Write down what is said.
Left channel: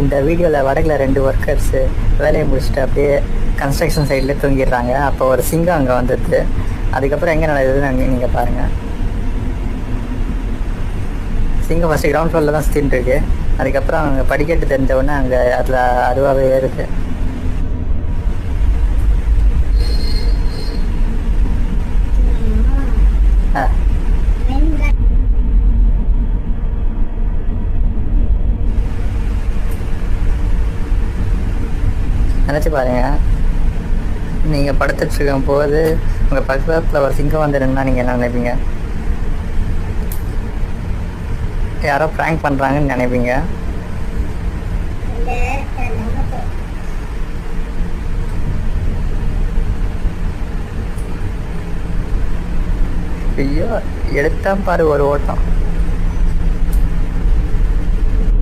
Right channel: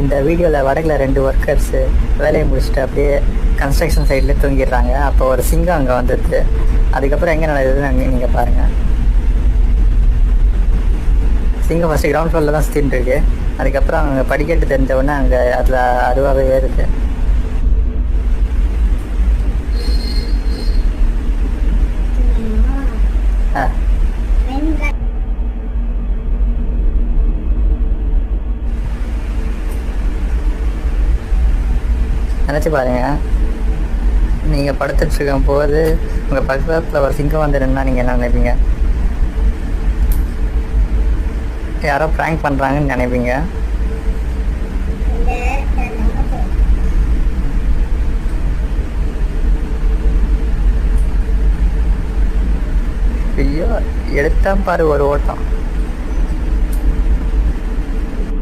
இந்த வீடியோவில் வடகில் 2 ஒர்க்கர்ஸு வேலையை முடிச்சுட்டு அப்படியே கன்ஸ்ட்ரக்ஷன் சைடில் தூங்கிடுறாங்க. அப்போ ஒரு சிங்கம் அங்கே வந்துடுது. அதுக்கப்புறம் எங்கே நடக்குதுன்னு நீங்கள் பாருங்கள். சிங்கம் ஃபஸ்ட்டு கிரவுண்ட் ஃப்ளோரில் தான் சுற்றின்னு இருக்கு. அதுக்கப்புறம் அங்கே படிக்கட்டு தெரிஞ்சவுடனே அங்கே அதில் அருவாவே ஏறுது. நினச்சி பாருங்கள், நீங்கள் படுத்துட்ருக்கும் போது உங்கள் பக்கத்தில் ஒரு சிங்கம் வந்துடுன்னா நீங்கள் என்ன நினைப்பீங்க? யாரோ ப்ராங்க் பண்ணுறாங்கன்னு நினைப்பீங்க. ஐயோ, எடுத்தா பாரு ஒரு ஓட்டம்.